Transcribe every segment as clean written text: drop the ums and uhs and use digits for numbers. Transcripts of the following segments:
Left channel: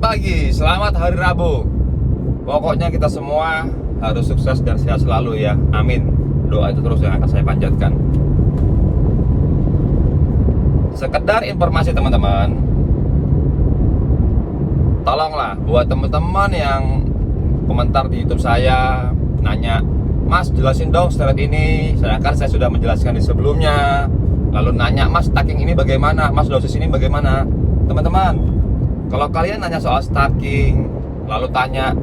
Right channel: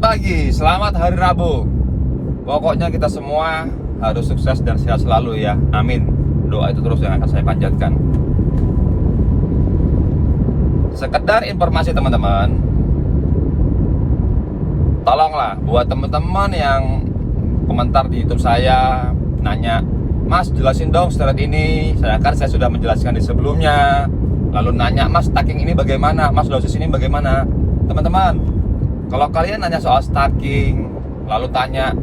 pagi, selamat hari Rabu. Pokoknya kita semua harus sukses dan sehat selalu ya. Amin. Doa itu terus yang akan saya panjatkan. Sekedar informasi teman-teman, tolonglah buat teman-teman yang komentar di YouTube saya nanya, Mas jelasin dong steroid ini. Saya sudah menjelaskan di sebelumnya. Lalu nanya, Mas stacking ini bagaimana? Mas dosis ini bagaimana? Teman-teman, kalau kalian nanya soal stacking, lalu tanya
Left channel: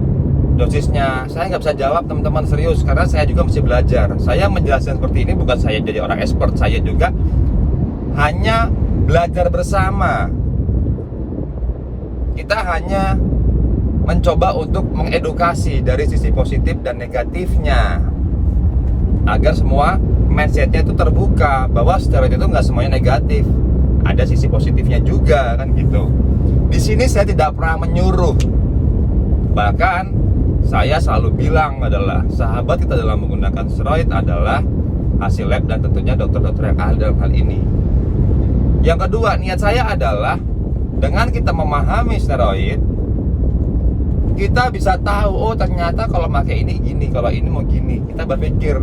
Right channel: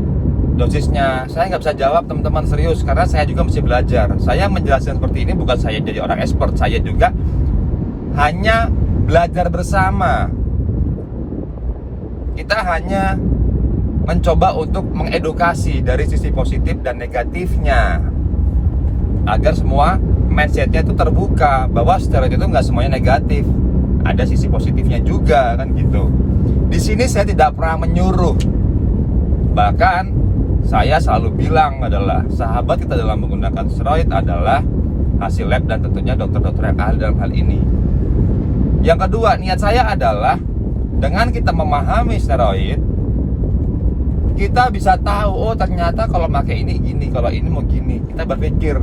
dosisnya, saya nggak bisa jawab teman-teman, serius, karena saya juga mesti belajar. Saya menjelaskan seperti ini bukan saya jadi orang expert, saya juga hanya belajar bersama. Kita hanya mencoba untuk mengedukasi dari sisi positif dan negatifnya, agar semua mindsetnya itu terbuka bahwa steroid itu nggak semuanya negatif, ada sisi positifnya juga kan gitu. Di sini saya tidak pernah menyuruh, bahkan saya selalu bilang adalah sahabat kita dalam menggunakan steroid adalah hasil lab dan tentunya dokter-dokter yang ahli dalam hal ini. Yang kedua, niat saya adalah dengan kita memahami steroid, kita bisa tahu, oh ternyata kalau pakai ini gini, kalau ini mau gini. Kita berpikir,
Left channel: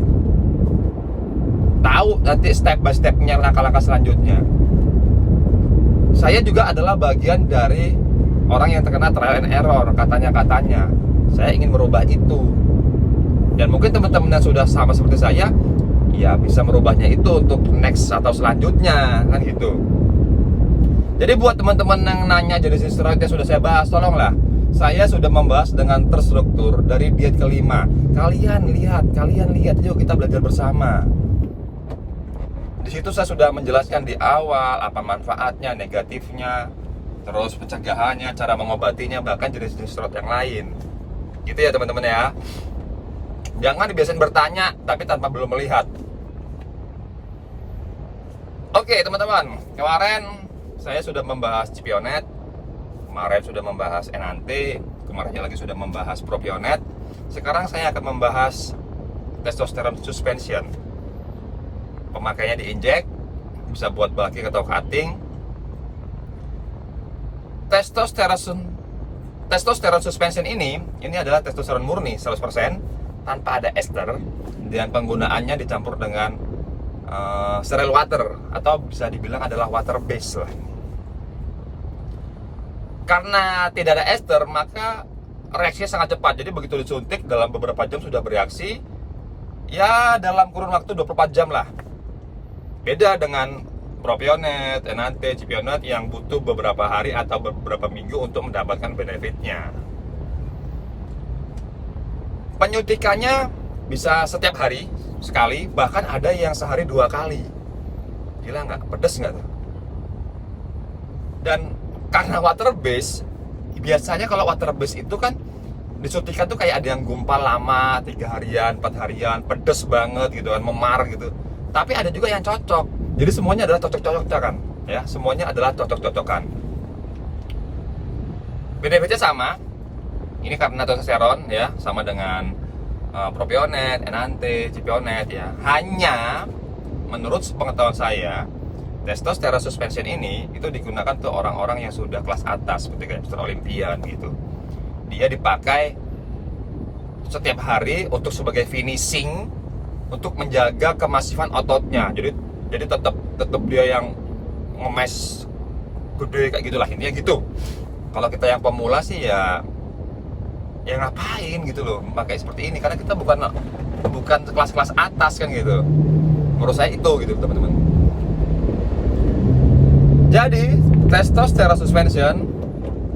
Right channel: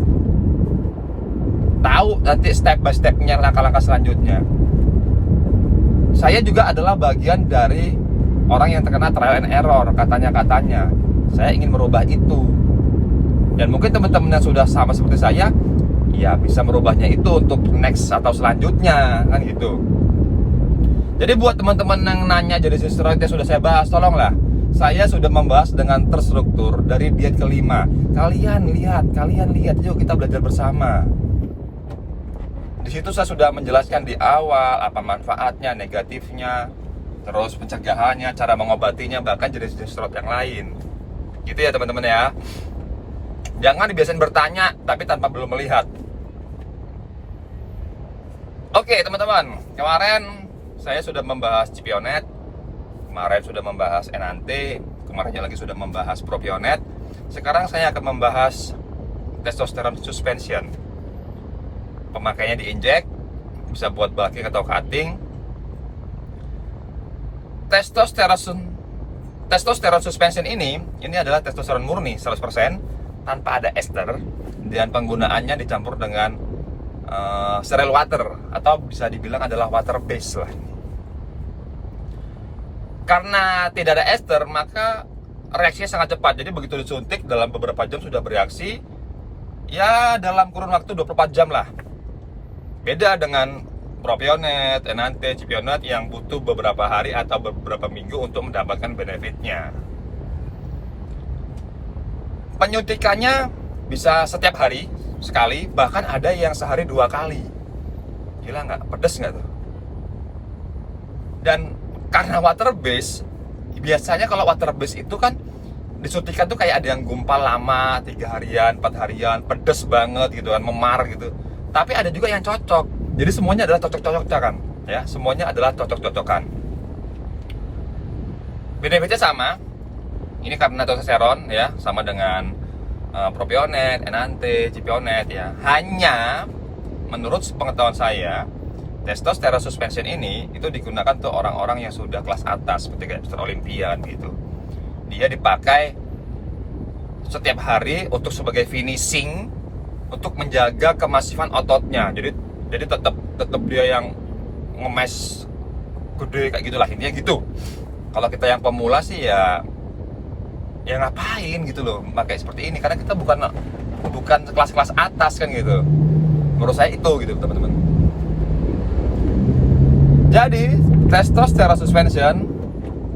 tahu nanti step by stepnya, langkah-langkah selanjutnya. Saya juga adalah bagian dari orang yang terkena trial and error, katanya. Saya ingin merubah itu. Dan mungkin teman-teman yang sudah sama seperti saya, ya bisa merubahnya itu untuk next atau selanjutnya, kan gitu. Jadi buat teman-teman yang nanya jenis steroid yang sudah saya bahas, tolonglah. Saya sudah membahas dengan terstruktur dari diet kelima. Kalian lihat, yuk kita belajar bersama. Di situ saya sudah menjelaskan di awal apa manfaatnya, negatifnya, terus pencegahannya, cara mengobatinya, bahkan jenis-jenis steroid yang lain. Gitu ya teman-teman ya. Jangan dibiasain bertanya tapi tanpa belum melihat. Oke teman-teman, kemarin saya sudah membahas Cipionet, kemarin sudah membahas Enante, kemarinnya lagi sudah membahas Propionet. Sekarang saya akan membahas testosteron suspension. Pemakainya diinjek, bisa buat bulking atau cutting. Testosteron suspension ini adalah testosteron murni 100% tanpa ada ester, dan penggunaannya dicampur dengan sterile water, atau bisa dibilang adalah water base lah. Karena tidak ada ester, maka reaksinya sangat cepat. Jadi begitu disuntik, dalam beberapa jam sudah bereaksi. Ya dalam kurun waktu 24 jam lah. Beda dengan Propionet, Enante, Cipionet yang butuh beberapa hari atau beberapa minggu untuk mendapatkan benefitnya. Penyuntikannya bisa setiap hari sekali, bahkan ada yang sehari 2 kali. Gila nggak? Pedes nggak tuh? Dan karena water base, biasanya kalau water base itu kan disuntikan tuh kayak ada yang gumpal lama, 3 harian, 4 harian, pedes banget gitu kan, memar gitu. Tapi ada juga yang cocok. Jadi semuanya adalah cocok-cocokan, ya. Semuanya adalah cocok-cocokan. Benefitnya sama. Ini karena testosteron, ya, sama dengan Propionet, Enante, Cipionet, ya. Hanya menurut pengetahuan saya, testosteron suspension ini itu digunakan untuk orang-orang yang sudah kelas atas, seperti kayak Mr. Olympian gitu. Dia dipakai setiap hari untuk sebagai finishing, untuk menjaga kemasifan ototnya. Jadi tetap dia yang ngemes gede kayak gitulah, intinya gitu. Kalau kita yang pemula sih ya ngapain gitu loh pakai seperti ini, karena kita bukan kelas-kelas atas kan gitu. Menurut saya itu gitu teman-teman. Jadi testosterone suspension,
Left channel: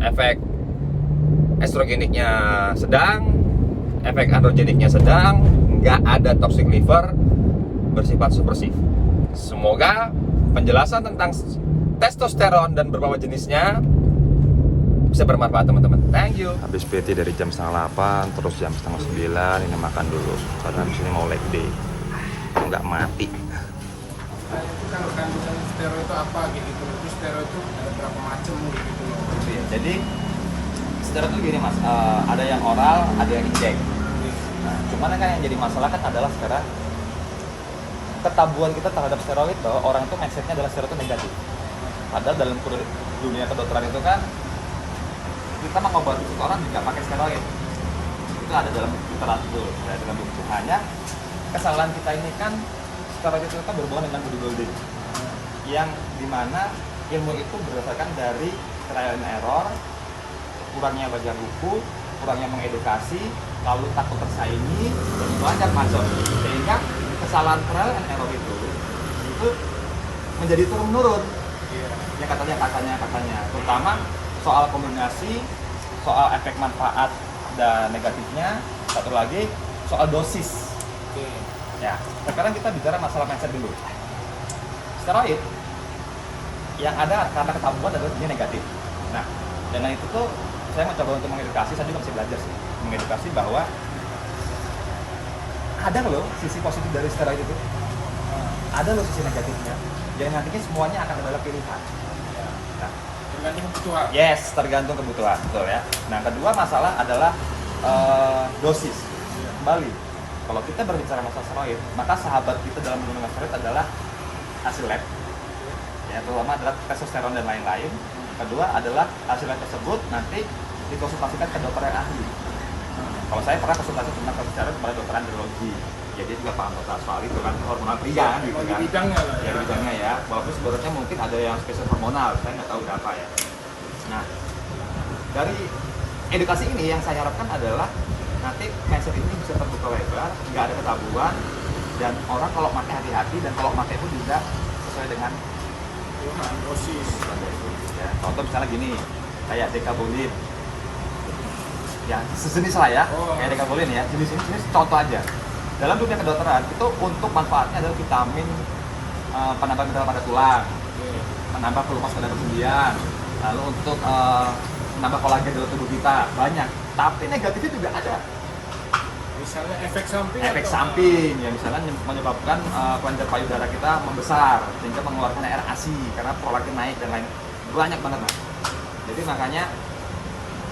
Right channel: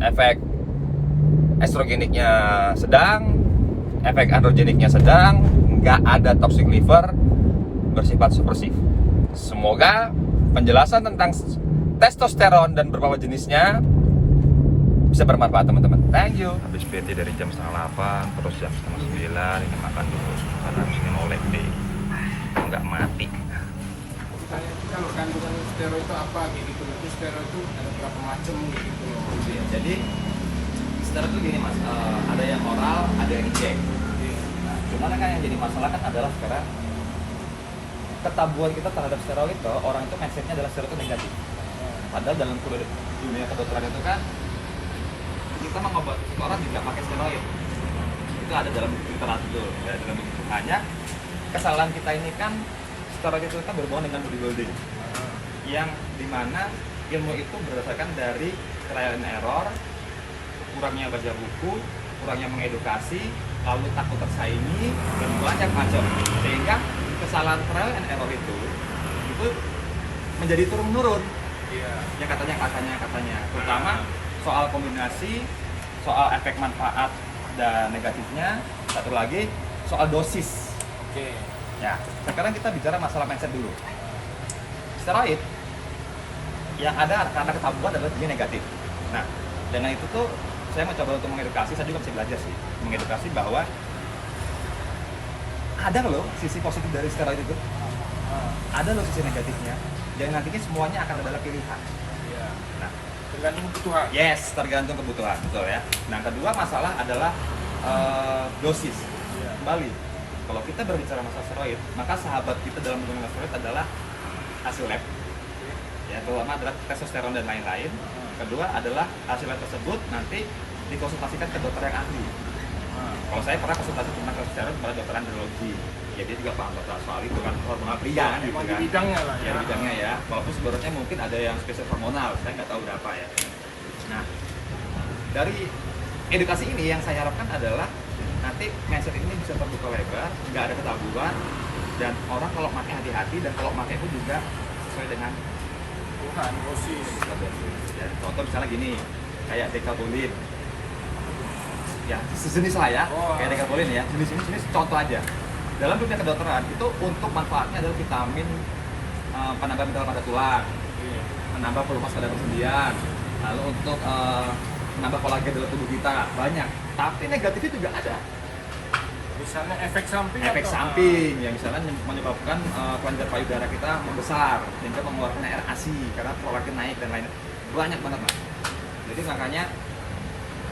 efek estrogeniknya sedang, efek androgeniknya sedang, nggak ada toxic liver, bersifat supresif. Semoga penjelasan tentang testosteron dan beberapa jenisnya bisa bermanfaat teman-teman. Thank you. Habis PT dari jam 8:30, terus jam 8:30 ini makan dulu karena di sini mau leg day. Nggak mati. Kayak itu kalau kandungan steroid itu apa gitu, terus steroid itu ada berapa macam gitu loh. Jadi steroid itu gini mas, ada yang oral, ada yang injek. Nah, cuman kan yang jadi masalah kan adalah sekarang ketabuhan kita terhadap steroid itu, orang itu mindsetnya adalah steroid itu negatif. Padahal dalam dunia kedokteran itu kan kita mengobati seseorang juga pakai steroid. Itu ada dalam literatur, ya, dalam buku. Hanya kesalahan kita ini kan steroid itu kan berhubungan dengan bodybuilding, yang dimana ilmu itu berdasarkan dari trial and error, kurangnya baca buku, kurangnya mengedukasi, lalu takut tersaingi, dan banyak macam. Sehingga kesalahan trial and error itu menjadi turun-menurun. Iya. Ya katanya, terutama soal kombinasi, soal efek manfaat dan negatifnya, satu lagi soal dosis. Oke. Ya, sekarang kita bicara masalah mindset dulu. Steroid yang ada karena ketabuhan adalah dia negatif. Nah, dengan itu tuh saya mencoba untuk mengedukasi, saya juga masih belajar sih, mengedukasi bahwa ada loh sisi positif dari steroid itu, ada loh sisi negatifnya, dan nantinya semuanya akan adalah pilihan. Iya. Nah, Tergantung kebutuhan. yes, tergantung kebutuhan, betul ya. Nah, kedua masalah adalah dosis. Kembali, kalau kita berbicara masalah steroid, maka sahabat kita dalam menggunakan steroid adalah hasil lab, ya, terutama adalah testosteron dan lain-lain. Kedua adalah hasil lab tersebut nanti dikonsultasikan ke dokter yang ahli. Kalau saya pernah konsultasi tentang testosteron kepada dokter andrologi, jadi juga paham dokter soal itu kan, hormonal pria gitu Oh, di kan. bidangnya lah Ya, di bidangnya ya, walaupun sebenarnya mungkin ada yang spesial hormonal, saya nggak tahu berapa ya. Nah, dari edukasi ini yang saya harapkan adalah nanti mindset ini bisa terbuka lebar, nggak ada ketabuhan, dan orang kalau pakai hati-hati, dan kalau pakai pun juga sesuai dengan Tuhan, dosis. kebutuhan dosis. Ya, contoh misalnya gini, kayak dekabolin, ya sejenis lah ya, Oh. kayak dekabolin ya, jenis contoh aja. Dalam dunia kedokteran itu untuk manfaatnya adalah vitamin, penambah mineral pada tulang, Iya. menambah pelumas pada persendian, lalu untuk menambah kolagen dalam tubuh kita, banyak. Tapi negatifnya juga ada. Misalnya efek samping. Efek atau- samping yang misalnya menyebabkan kelenjar payudara kita membesar sehingga mengeluarkan air ASI karena prolaktin naik dan lain, banyak banget mas. Jadi makanya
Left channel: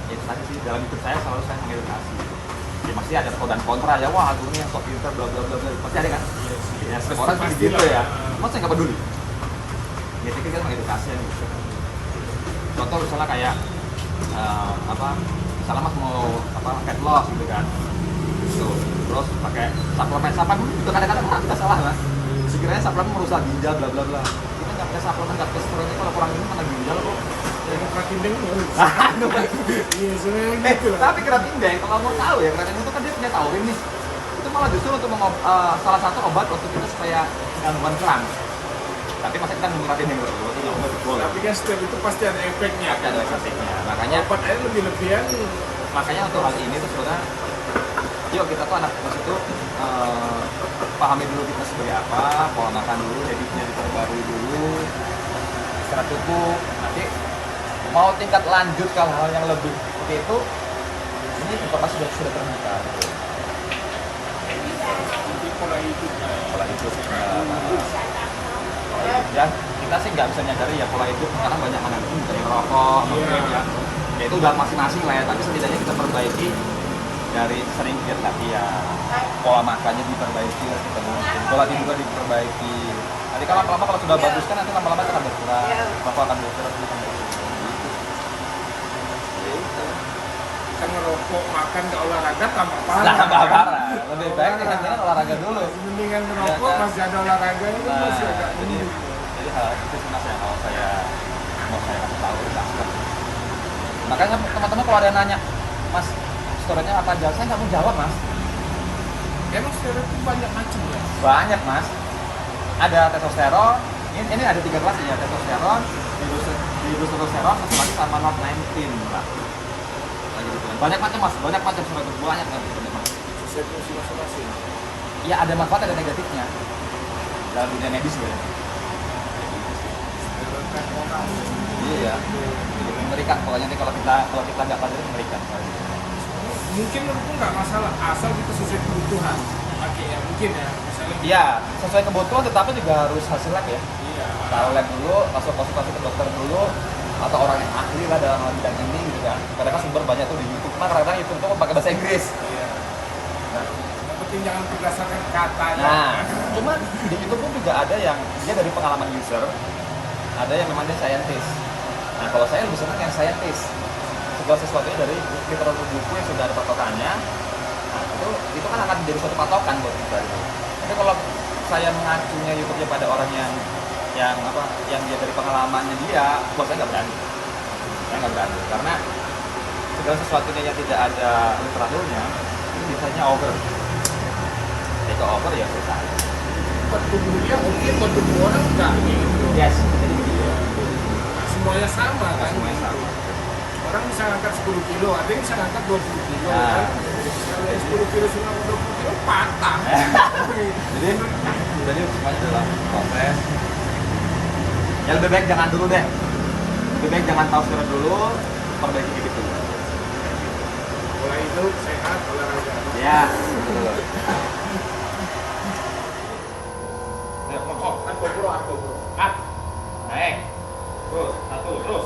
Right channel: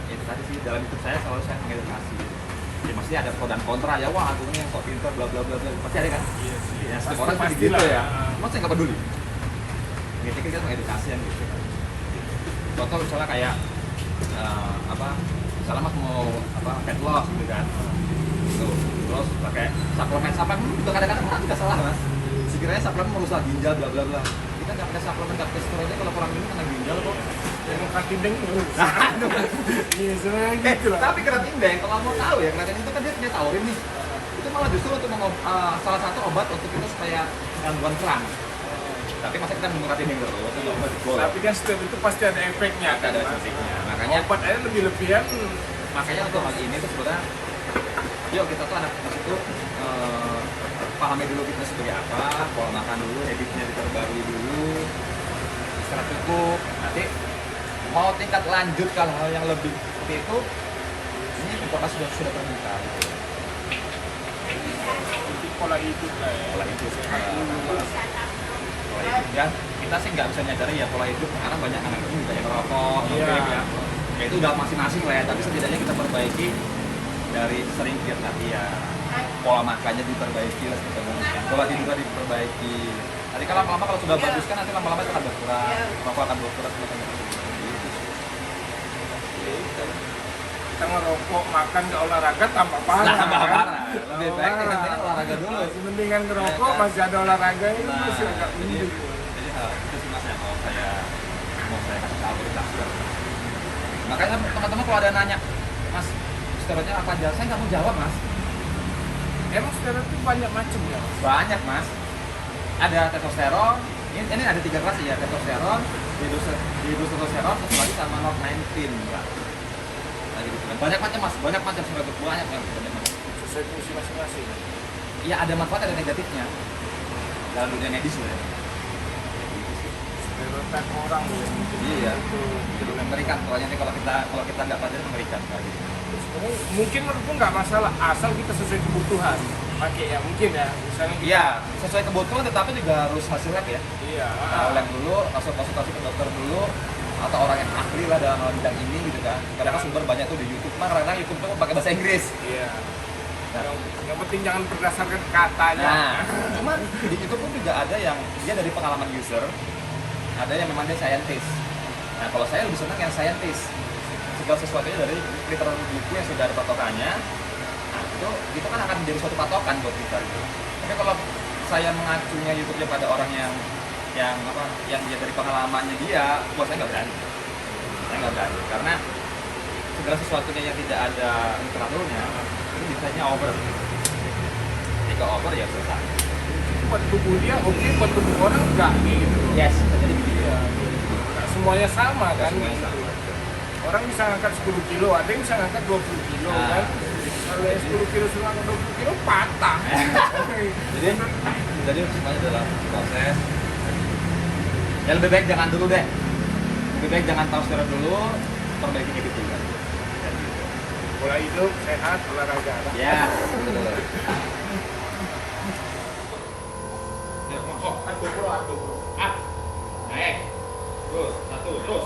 itu tadi sih, dalam hidup saya selalu saya mengedukasi. Ya pasti ada pro dan kontra ya, wah ini yang sok pintar bla bla bla bla, pasti ada kan. Iya sih. Ya setiap Pasti- orang seperti pastilah. gitu ya. Cuma saya nggak peduli. Ya kita mengedukasi kan gitu. Contoh misalnya kayak misalnya mas mau fat loss gitu kan. Tuh, terus pakai suplemen juga kadang-kadang orang kita salah mas. Sekiranya suplemen merusak ginjal bla bla bla. Kita nggak pakai suplemen, nggak pakai steroidnya kalau kurang ini kena ginjal kok. Ya mau keratin ini. Aduh. Iya sebenarnya gitu lah. Tapi keratin deng, kalau mau tahu ya, keratin itu kan dia punya taurin nih. Itu malah justru untuk salah satu obat untuk kita supaya gangguan kerang. Tapi masa kita mengkeratin deng terus, itu nggak obat boleh. Tapi kan setiap itu pasti ada efeknya. Ada efeknya. Makanya Obat aja lebih-lebihan. untuk hal ini tuh sebenarnya, yuk kita tuh anak fitness itu pahami dulu fitness sebagai apa, pola makan dulu, habitnya diperbarui dulu, istirahat cukup. Nanti mau tingkat lanjut ke hal yang lebih seperti itu, ini informasi sudah terbuka gitu. Jadi pola hidup lah. Pola hidup dan kita sih nggak bisa nyadari ya pola hidup, karena banyak anak ini kayak merokok, Iya. ya itu udah masing-masing lah ya, tapi setidaknya kita perbaiki dari sering giat latihan, pola makannya diperbaiki lah kita mungkin, pola tidurnya diperbaiki. Nanti kalau lama-lama kalau sudah bagus kan nanti lama-lama itu akan berkurang, rokok akan berkurang, gitu. Kita ngerokok, makan, nggak olahraga tambah parah. Nah, kan? parah. Lebih baik kita olahraga dulu. Mendingan ngerokok, Iya, kan? masih ada olahraga ini Nah, masih agak jadi mending. hal itu sih mas yang mau saya kasih tahu jelaskan. Makanya teman-teman kalau ada yang nanya, mas steroidnya apa aja, saya nggak mau jawab mas. Emang steroid itu banyak macam ya? Banyak mas. Ada testosteron, ini ada 3 kelas ya, testosteron, dihidrotestosteron, terus lagi sama NOR19 lah. Lagi gitu kan. Banyak macam mas, banyak macam steroid, banyak macam. Sesuai fungsi masing-masing. Iya ada manfaat ada negatifnya dalam dunia medis ya. Steroid kan orang. Iya ya. Mengerikan pokoknya kalau kita nggak pakai itu mengerikan sekali. Mungkin menurutku nggak masalah asal kita sesuai kebutuhan. Pakainya mungkin ya. Misalnya Iya, sesuai kebutuhan tetapi juga harus hasil lab ya. Iya. Tahu lab dulu, konsultasi ke dokter dulu, atau orang yang ahli lah dalam hal bidang ini gitu kan. Kadang kan sumber banyak tuh di YouTube. Cuma kadang-kadang YouTube tuh pakai bahasa Inggris. Iya. Nah, Yang penting jangan berdasarkan katanya. nah, cuma di YouTube pun juga ada yang dia dari pengalaman user, ada yang memang dia scientist. Nah, kalau saya lebih senang yang scientist. segala sesuatunya dari literal buku yang sudah ada patokannya. Nah, itu kan akan menjadi suatu patokan buat kita gitu. Tapi kalau saya mengacunya YouTube-nya pada orang yang dia dari pengalamannya dia, buat saya nggak berani. Saya nggak berani karena segala sesuatunya yang tidak ada literaturnya itu biasanya over. Jika over ya selesai. Buat tubuh dia oke, buat tubuh orang enggak gitu. Yes, jadi begitu. Nah, semuanya sama kan? Semuanya sama. Orang bisa angkat 10 kilo, ada yang bisa angkat 20 kilo kan? Kalau yang 10 kilo sama 20 kilo patah. jadi semuanya adalah proses. Ya lebih baik jangan dulu deh. Lebih baik jangan tahu secara dulu, perbaiki dikit dulu. Pola hidup sehat, olahraga. Ya, betul. Ya, kok aku. Up. Naik. Terus, satu, terus.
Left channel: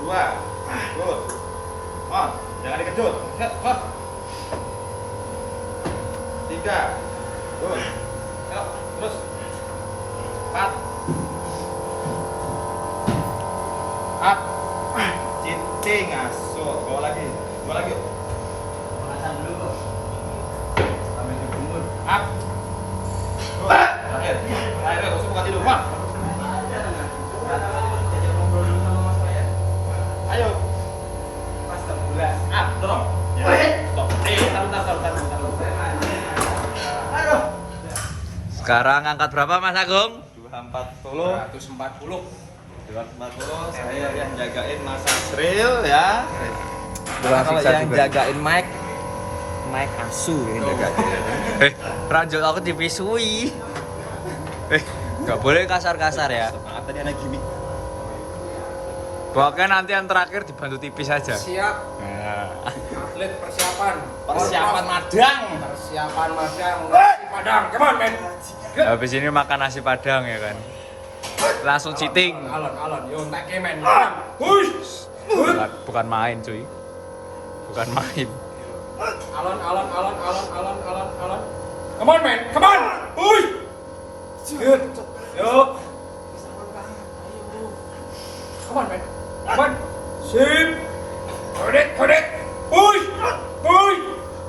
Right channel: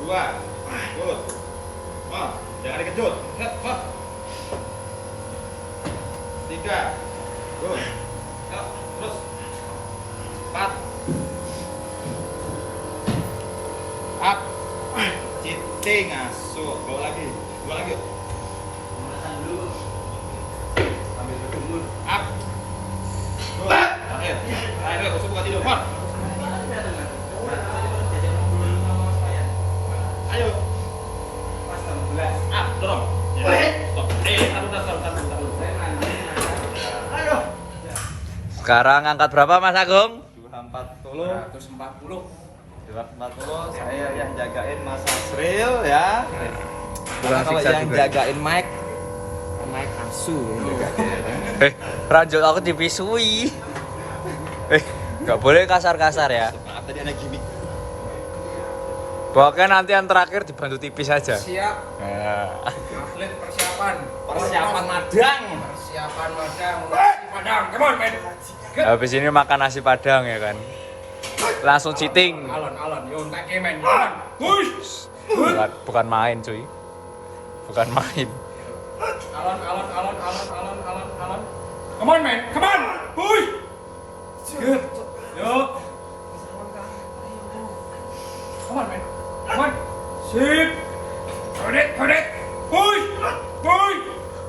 Dua. Terus. Jangan dikejut. Tiga. Terus. Yuk, terus. 4. Up. Cinting asuh. Bawa lagi. Yuk. Up. Terakhir, bosku buka tidur. Ayo. Up, dorong. Stop. Taruh. Sekarang angkat berapa Mas Agung? 240. 140. 240. Saya yang jagain Mas Asril ya. Tukang Kalau siksa yang juga. jagain Mike asu yang jagain. Ranjut aku dipisui. Nggak boleh kasar-kasar ya. Maaf tadi ada gimmick. Pokoknya nanti yang terakhir dibantu tipis aja. Siap. Nah. Atlet persiapan. Persiapan madang. Persiapan madang. Nasi padang. Come on, man. Habis ini makan nasi padang ya kan. Langsung cheating. Alon. Yo, tak kemen. Come on. Push. Bukan main cuy. Bukan main. Alon. Come on, man. Come on. Push. Good. Yo. Come on, man. Come on. Sip. Hold it. Push.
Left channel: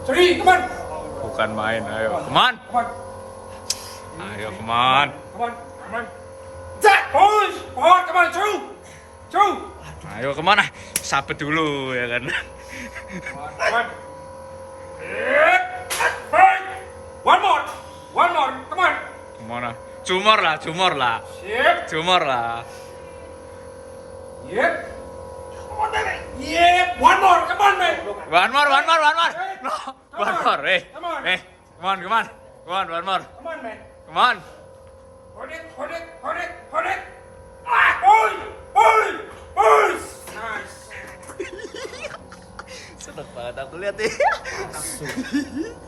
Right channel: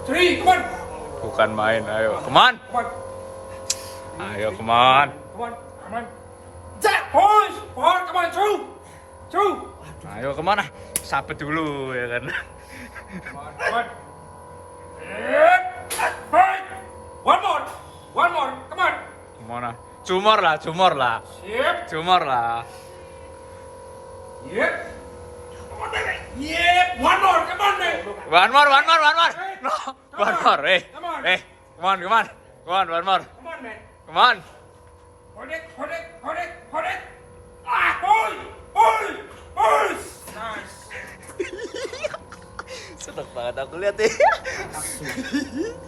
3. Come on. Bukan main. Ayo, come on. Come on. Ayo, come on. Come on. Jack. Push. Forward. Come on. Through. Ayo, come on. Sabet dulu ya kan. Come on. Right. One more. Come on. Kemana? Cumor lah. Sip. Cumor lah. Yep. Come on, baby. Yep. One more. Come on, man. One more. No, one more. Come on. Come on, one more. Come on, man. Come on. Hold it. Push. Nice. Seneng banget aku lihat ya.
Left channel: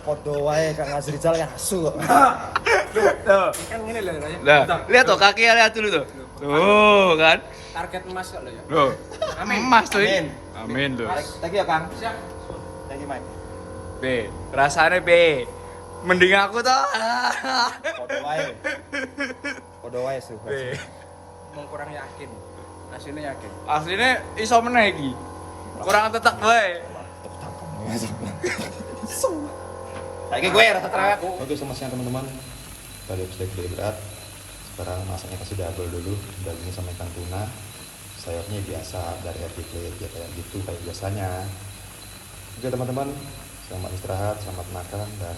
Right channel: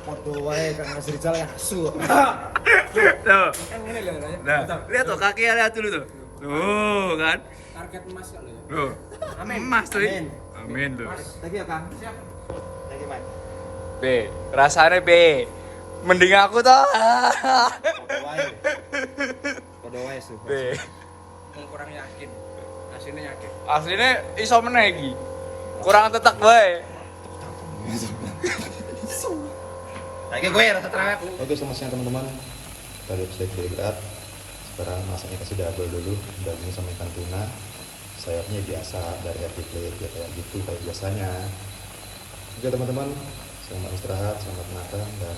Podo wae Kang Azrizal kan asu. Tuh. Kan ngene lho ya. Lah, lihat tuh kakinya lihat dulu tuh. Tuh kan. Target emas kok lho ya. Loh. Amin. Emas tuh. Amin. Amin tuh. Thank you ya Kang. Siap. Thank you Mike. B, rasanya B. Mending aku tuh. Podo wae su. B. Kurang yakin. Aslinya yakin. Aslinya iso meneh iki. Kurang tetek wae. Kayak gue rasa cerewet. Oke, selamat siang teman-teman. Tadi sedikit berat. Sekarang masaknya kasih double dulu. Dagingnya sama ikan tuna. Sayapnya biasa dari air plate ya kayak gitu kayak biasanya. Oke teman-teman, selamat istirahat, selamat makan dan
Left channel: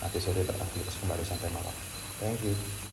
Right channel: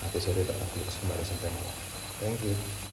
nanti sore tetap kembali sampai malam. Thank you.